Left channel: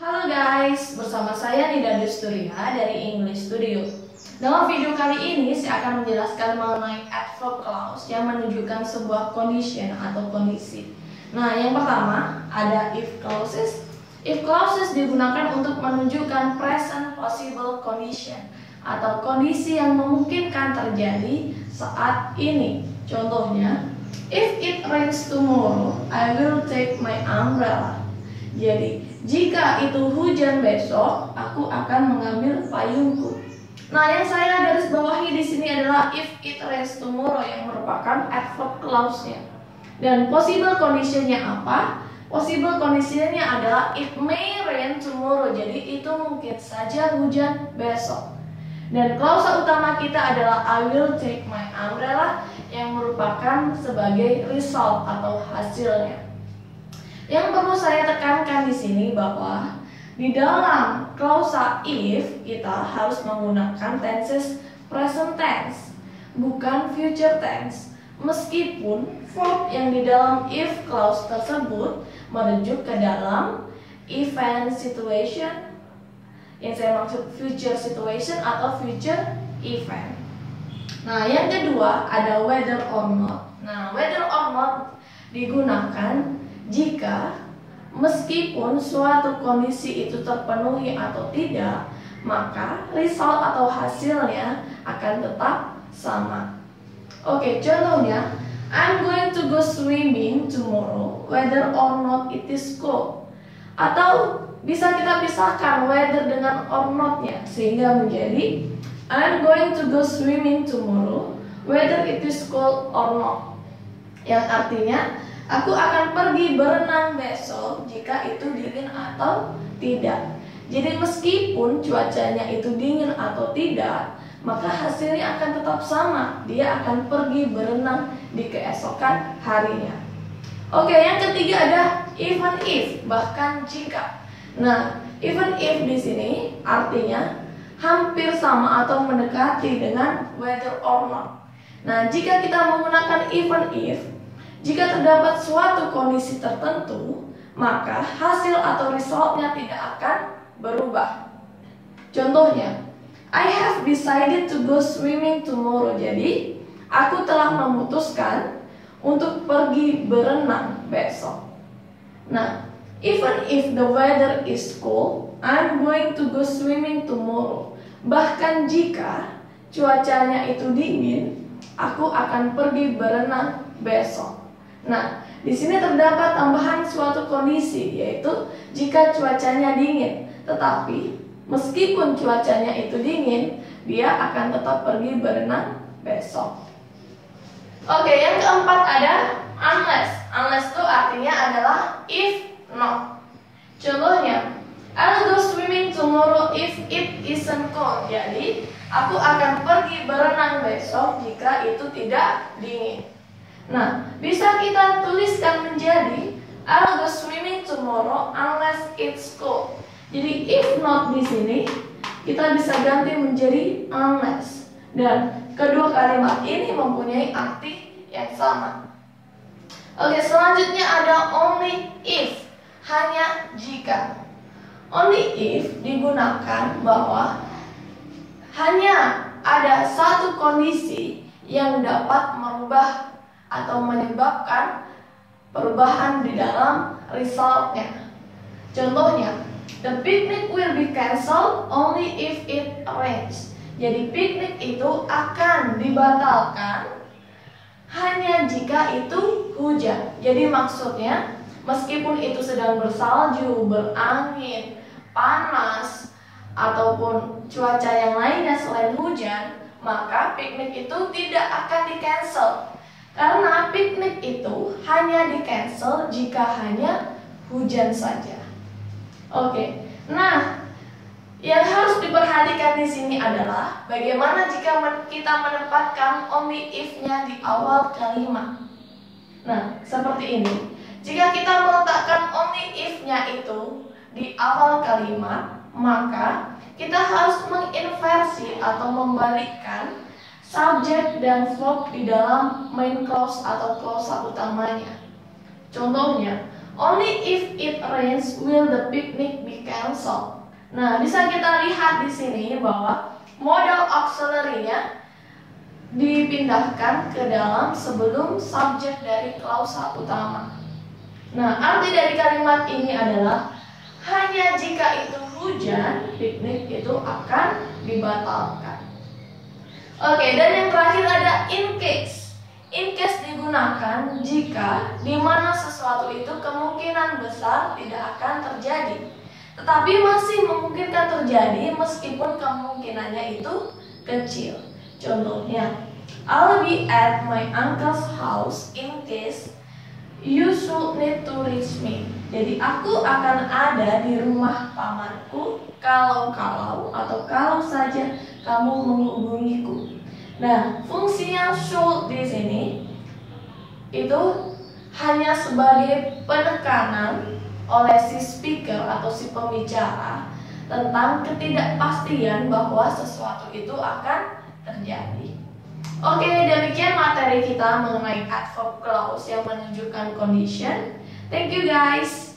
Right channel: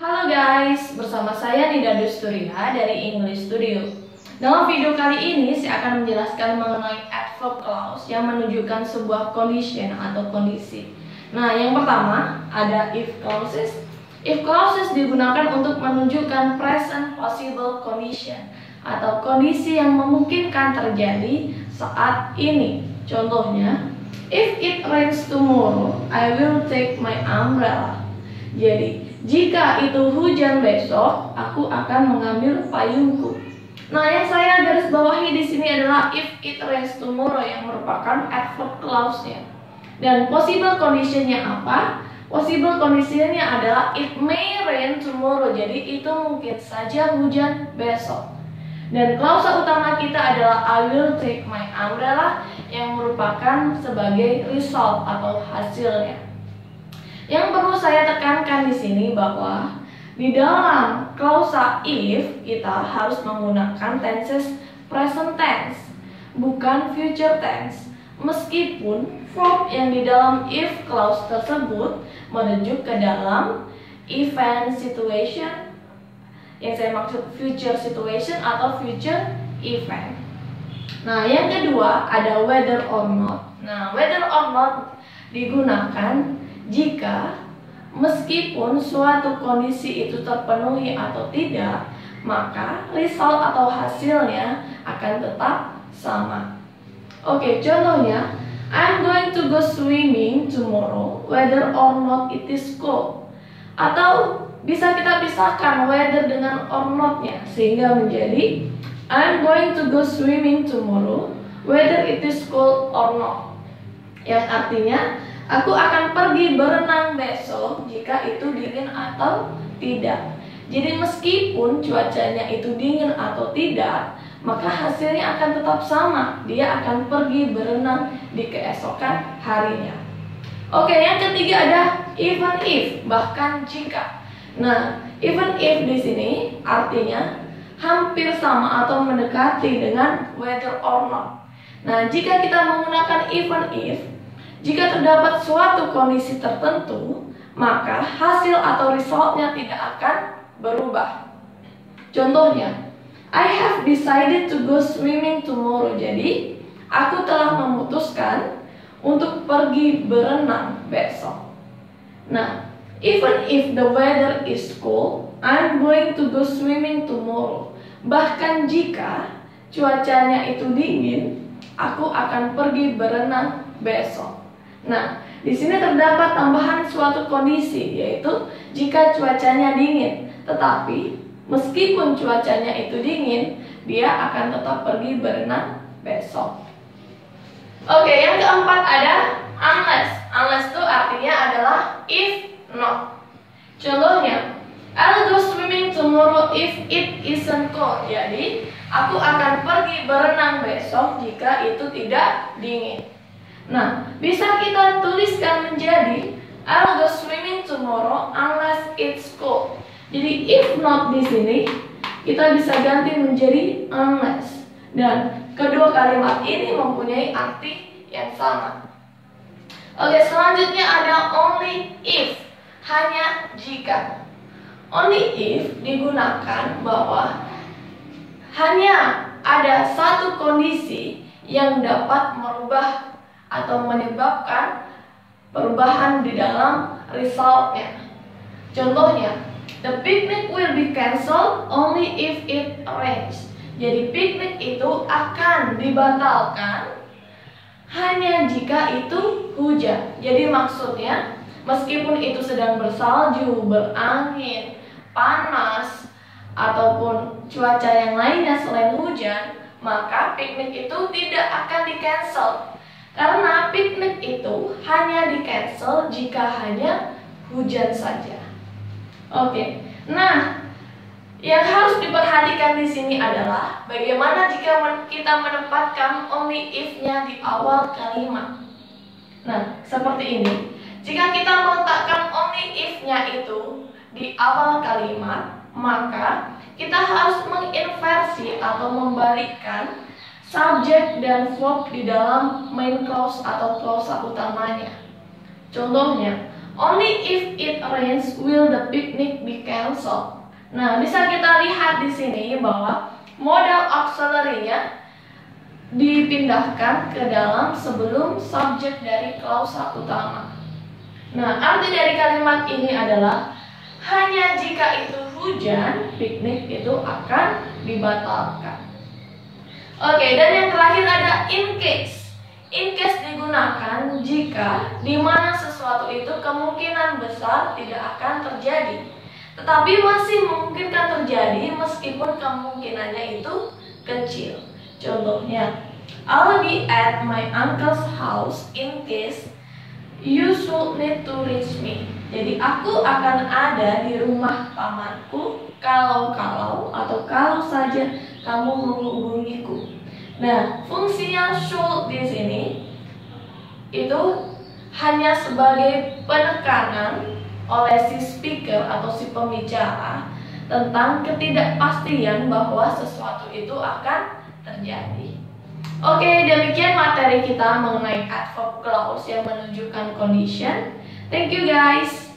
Halo guys, bersama saya Nida Dusturia dari English Studio. Dalam video kali ini saya akan menjelaskan mengenai adverb clause yang menunjukkan sebuah condition atau kondisi. Nah, yang pertama ada if clauses. If clauses digunakan untuk menunjukkan present possible condition atau kondisi yang memungkinkan terjadi saat ini. Contohnya, if it rains tomorrow, I will take my umbrella. Jadi, jika itu hujan besok, aku akan mengambil payungku. Nah, yang saya garis bawahi di sini adalah if it rains tomorrow yang merupakan adverb clause-nya. Dan possible condition-nya apa? Possible condition-nya adalah it may rain tomorrow. Jadi, itu mungkin saja hujan besok. Dan klausa utama kita adalah I will take my umbrella yang merupakan sebagai result atau hasilnya. Yang perlu saya tekankan di sini bahwa di dalam klausa if kita harus menggunakan tenses present tense, bukan future tense. Meskipun verb yang di dalam if clause tersebut merujuk ke dalam event situation, yang saya maksud future situation atau future event. Nah, yang kedua ada whether or not. Nah, whether or not digunakan jika meskipun suatu kondisi itu terpenuhi atau tidak, maka result atau hasilnya akan tetap sama. Oke, contohnya, I'm going to go swimming tomorrow whether or not it is cold. Atau bisa kita pisahkan whether dengan or not-nya sehingga menjadi I'm going to go swimming tomorrow whether it is cold or not. Yang artinya aku akan pergi berenang besok jika itu dingin atau tidak. Jadi meskipun cuacanya itu dingin atau tidak, maka hasilnya akan tetap sama. Dia akan pergi berenang di keesokan harinya. Oke, yang ketiga ada even if, bahkan jika. Nah, even if di sini artinya hampir sama atau mendekati dengan whether or not. Nah, jika kita menggunakan even if, jika terdapat suatu kondisi tertentu, maka hasil atau resultnya tidak akan berubah. Contohnya, I have decided to go swimming tomorrow. Jadi, aku telah memutuskan untuk pergi berenang besok. Nah, even if the weather is cold, I'm going to go swimming tomorrow. Bahkan jika cuacanya itu dingin, aku akan pergi berenang besok. Nah, di sini terdapat tambahan suatu kondisi, yaitu jika cuacanya dingin. Tetapi, meskipun cuacanya itu dingin, dia akan tetap pergi berenang besok. Oke, yang keempat ada unless. Unless itu artinya adalah if not. Contohnya, I'll go swimming tomorrow if it isn't cold. Jadi, aku akan pergi berenang besok jika itu tidak dingin. Nah, bisa kita tuliskan menjadi I'll go swimming tomorrow unless it's cold. Jadi if not di sini kita bisa ganti menjadi unless. Dan kedua kalimat ini mempunyai arti yang sama. Oke, selanjutnya ada only if, hanya jika. Only if digunakan bahwa hanya ada satu kondisi yang dapat merubah atau menyebabkan perubahan di dalam resultnya. Contohnya, the picnic will be cancelled only if it rains. Jadi piknik itu akan dibatalkan hanya jika itu hujan. Jadi maksudnya, meskipun itu sedang bersalju, berangin, panas, ataupun cuaca yang lainnya selain hujan, maka piknik itu tidak akan di-cancel. Karena piknik itu hanya di-cancel jika hanya hujan saja. Oke, nah yang harus diperhatikan di sini adalah bagaimana jika kita menempatkan only if-nya di awal kalimat. Nah, seperti ini. Jika kita meletakkan only if-nya itu di awal kalimat, maka kita harus menginversi atau membalikkan subjek dan verb di dalam main clause atau klausa utamanya. Contohnya, Only if it rains will the picnic be cancelled. Nah, bisa kita lihat di sini bahwa modal auxiliary-nya dipindahkan ke dalam sebelum subjek dari klausa utama. Nah, arti dari kalimat ini adalah hanya jika itu hujan, piknik itu akan dibatalkan. Oke, dan yang terakhir ada in case. In case digunakan jika di mana sesuatu itu kemungkinan besar tidak akan terjadi, tetapi masih memungkinkan terjadi meskipun kemungkinannya itu kecil. Contohnya, I'll be at my uncle's house in case you should need to reach me. Jadi aku akan ada di rumah pamanku kalau saja kamu menghubungiku. Nah, fungsinya should di sini itu hanya sebagai penekanan oleh si speaker atau si pembicara tentang ketidakpastian bahwa sesuatu itu akan terjadi. Oke, demikian materi kita mengenai adverb clause yang menunjukkan condition. Thank you guys.